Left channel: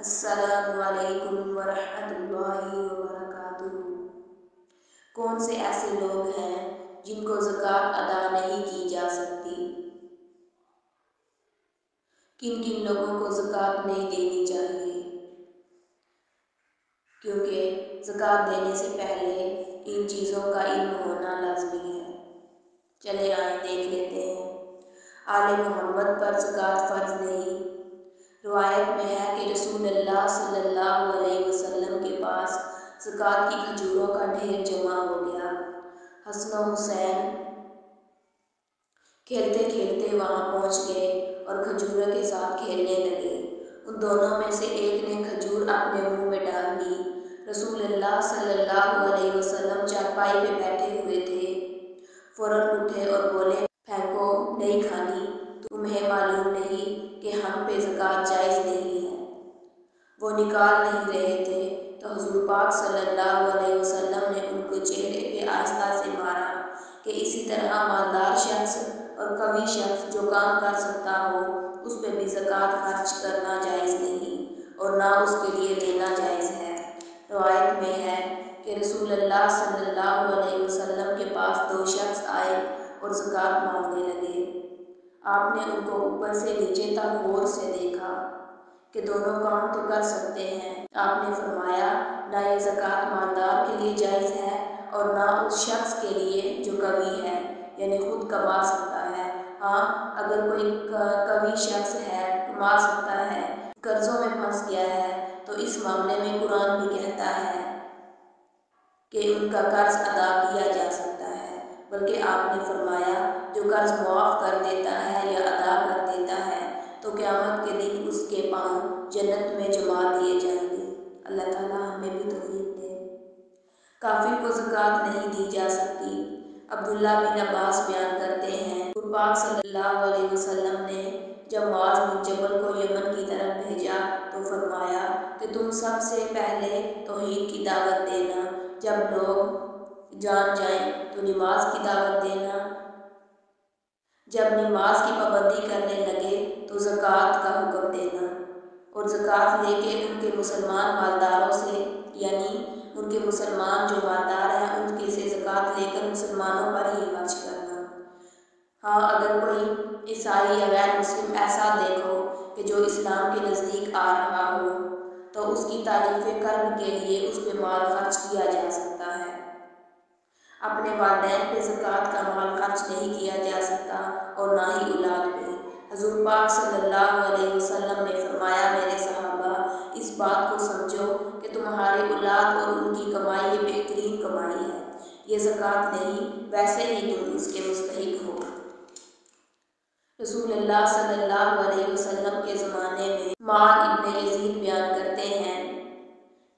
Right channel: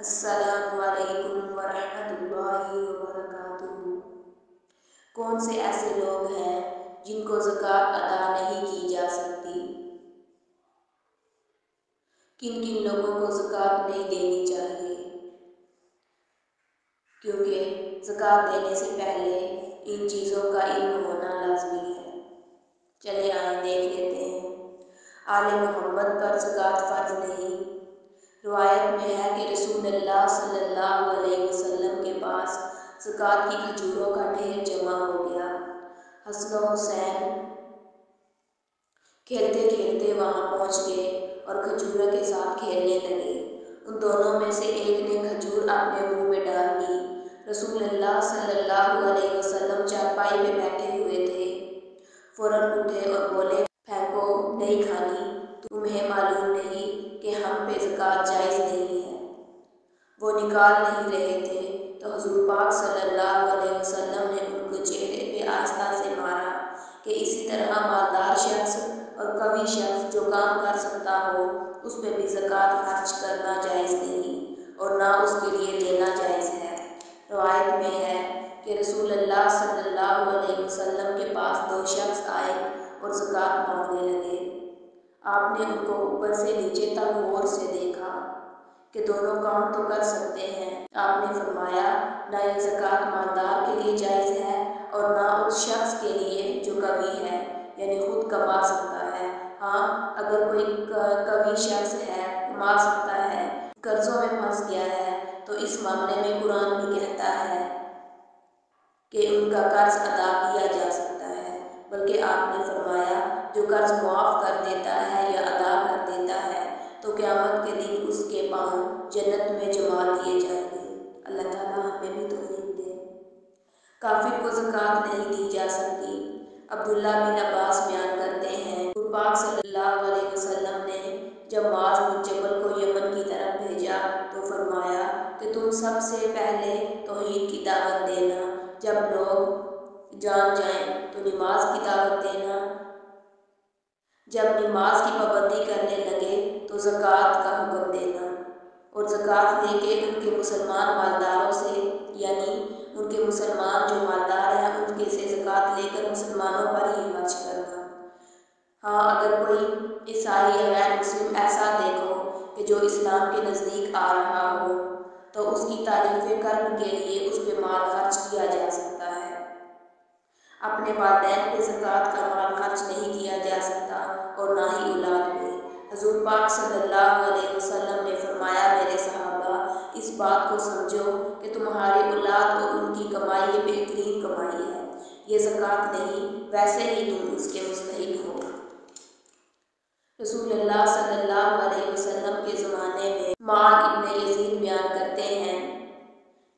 السلام علیکم ورحمۃ اللہ وبرکاتہ۔ کون سے ایسے لوگ ہیں جن کو زکوٰۃ ادا نہیں کی جا سکتی؟ کن کن لوگوں کو زکوٰۃ نہیں دینی چاہیے؟ کیونکہ زکوٰۃ دینے سے پہلے ان چیزوں کا علم ہونا لازمی ہے۔ چلے آئیں دیکھ لیتے ہیں۔ آل محمد پر زکوٰۃ فرض نہیں۔ روایت میں ہے کہ رسول اللہ صلی اللہ علیہ وسلم کے پاس زکوٰۃ کی کھجوروں کا ڈھیر جمع ہو گیا۔ حسن و حسین کھیلتے کھیلتے وہاں پہنچ گئے اور کھجوروں کے ساتھ کھیلنے لگے۔ ان دونوں میں سے ایک نے کھجور اپنے منہ میں ڈال لی۔ رسول اللہ صلی اللہ علیہ وسلم چارپائی پہ بیٹھے ہوئے تھے، فوراً اٹھے اور بولے، پھینکو، نہیں کھانی، تمہیں معلوم نہیں کہ ہم پہ زکوٰۃ جائز نہیں ہے؟ وہ نکال نہیں رہے تھے تو حضور پاک صلی اللہ علیہ وسلم نے ان کو چہرے پہ آہستہ سے مارا کہ اسی طرح مالدار شخص اور قوی شخص جو کام کر سکتا ہو اس پہ بھی زکوٰۃ خرچ کرنا جائز نہیں اور نہ اس کے لیے لینا جائز ہے۔ روایت میں ہے کہ رسول اللہ صلی اللہ علیہ وسلم کے پاس دو شخص آئے اور زکوٰۃ مانگنے لگے۔ آپ نے ان کو اوپر سے نیچے تک غور سے دیکھا کہ دونوں کام تو کر سکتے ہیں۔ آپ نے فرمایا، نہ یہ زکوٰۃ مالدار کے لیے جائز ہے اور نہ اس شخص کے لیے جو قوی ہے، یعنی خود کما سکتا ہے۔ ہاں، اگر کوئی قوی شخص ہے، کما سکتا ہے، قرضوں میں پھنس گیا ہے، تو اس معاملے میں قرآن بھی کہتا ہے کہ ان کا قرض ادا کیا جا سکتا ہے، بلکہ آپ نے فرمایا جو قرض معاف کر دیتا ہے یا ادا کر دیتا ہے تو قیامت کے دن اس کے پاؤں جنت میں جما دیے جائیں گے۔ اللہ تعالیٰ ہمیں بھی توفیق دے۔ کافر کو زکوٰۃ نہیں دی جا سکتی۔ عبداللہ بن عباس بیان کرتے ہیں، حضور پاک صلی اللہ علیہ وسلم نے جب معاذ بن جبل کو یمن کی طرف بھیجا تو فرمایا کہ تم سب سے پہلے توحید کی دعوت دینا، جب لوگ جان جائیں تو نماز کی دعوت دینا، جب نماز کی پابندی کرنے لگے تو زکوٰۃ کا حکم دینا، اور زکوٰۃ لے کے ان کے مسلمان مالداروں سے، یعنی ان کے مسلمان جو مالدار ہیں ان کے سے زکوٰۃ لے کر مسلمانوں پر ہی خرچ کرنا۔ ہاں، اگر کوئی عیسائی یا غیر مسلم ایسا دیکھو کہ جو اسلام کے نزدیک آ رہا ہو تو اس کی تعریف قلب کے لیے اس پہ مال خرچ کیا جا سکتا ہے۔ اپنے والدین پہ زکوٰۃ کا مال خرچ نہیں کیا جا سکتا اور نہ ہی اولاد پہ۔ حضور پاک صلی اللہ علیہ وسلم نے فرمایا، میرے صحابہ، اس بات کو سمجھو کہ تمہاری اولاد اور ان کی کمائی یہ بہترین کمائی ہے، یہ زکوٰۃ نہیں، ویسے ہی تم اس کے مستحق ہو۔ رسول اللہ صلی اللہ علیہ وسلم کے زمانے میں مال ابن یزید بیان کرتے ہیں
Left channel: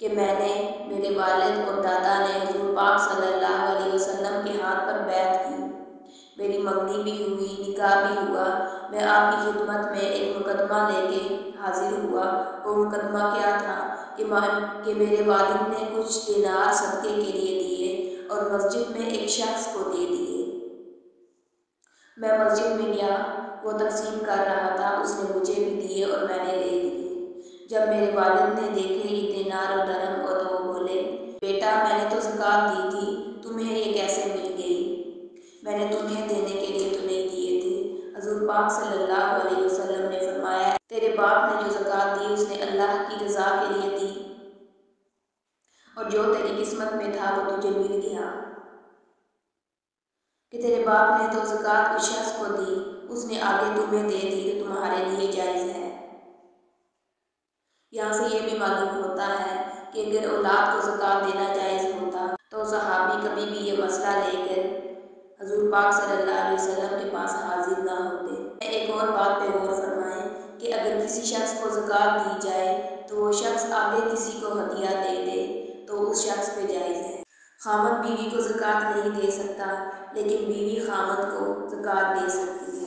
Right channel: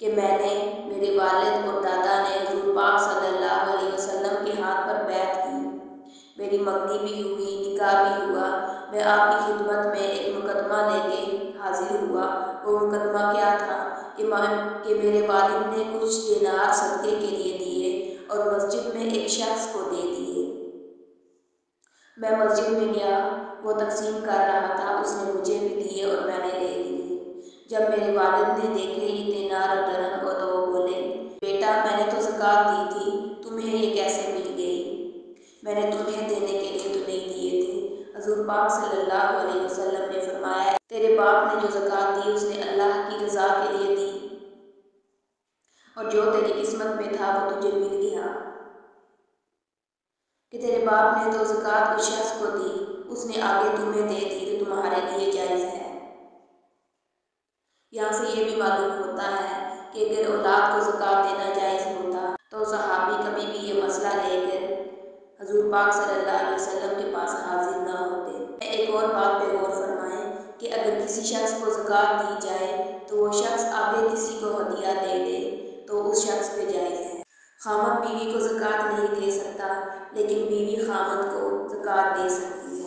کہ میں نے، میرے والد اور دادا نے حضور پاک صلی اللہ علیہ وسلم کے ہاتھ پر بیعت کی، میری منگنی بھی ہوئی، نکاح بھی ہوا، میں آپ کی خدمت میں ایک مقدمہ لے کے حاضر ہوا۔ وہ مقدمہ کیا تھا کہ میرے والد نے کچھ دینار صدقے کے لیے دیے اور مسجد میں ایک شخص کو دے دیے۔ میں مسجد میں گیا، وہ تقسیم کر رہا تھا، اس نے مجھے بھی دیے اور میں نے لے لیے۔ جب میرے والد نے دیکھے یہ دینار اور درہم تو وہ بولے، بیٹا، میں نے تو زکوٰۃ دی تھی، تمہیں یہ کیسے مل گئی؟ میں نے تمہیں دینے کے لیے تو نہیں دیے تھے۔ حضور پاک صلی اللہ علیہ وسلم نے فرمایا، تیرے باپ نے جو زکوٰۃ دی اس نے اللہ کی رضا کے لیے دی، اور جو تیری قسمت میں تھا وہ تجھے مل گیا۔ کہ تیرے باپ نے تو زکوٰۃ اس شخص کو دی، اس نے آگے تمہیں دے دی تو تمہارے لیے جائز ہے۔ یہاں سے یہ بھی معلوم ہوتا ہے کہ اگر اولاد کو زکوٰۃ دینا جائز ہوتا تو صحابی کبھی بھی یہ مسئلہ لے کر حضور پاک صلی اللہ علیہ وسلم کے پاس حاضر نہ ہوتے۔ ایک اور بات پہ غور فرمائیں کہ اگر کسی شخص کو زکوٰۃ دی جائے تو وہ شخص آگے کسی کو ہدیہ دے دے تو اس شخص پہ جائز ہے۔ خامند بیوی کو زکوٰۃ نہیں دے سکتا، لیکن بیوی خامند کو زکوٰۃ دے سکتی ہے۔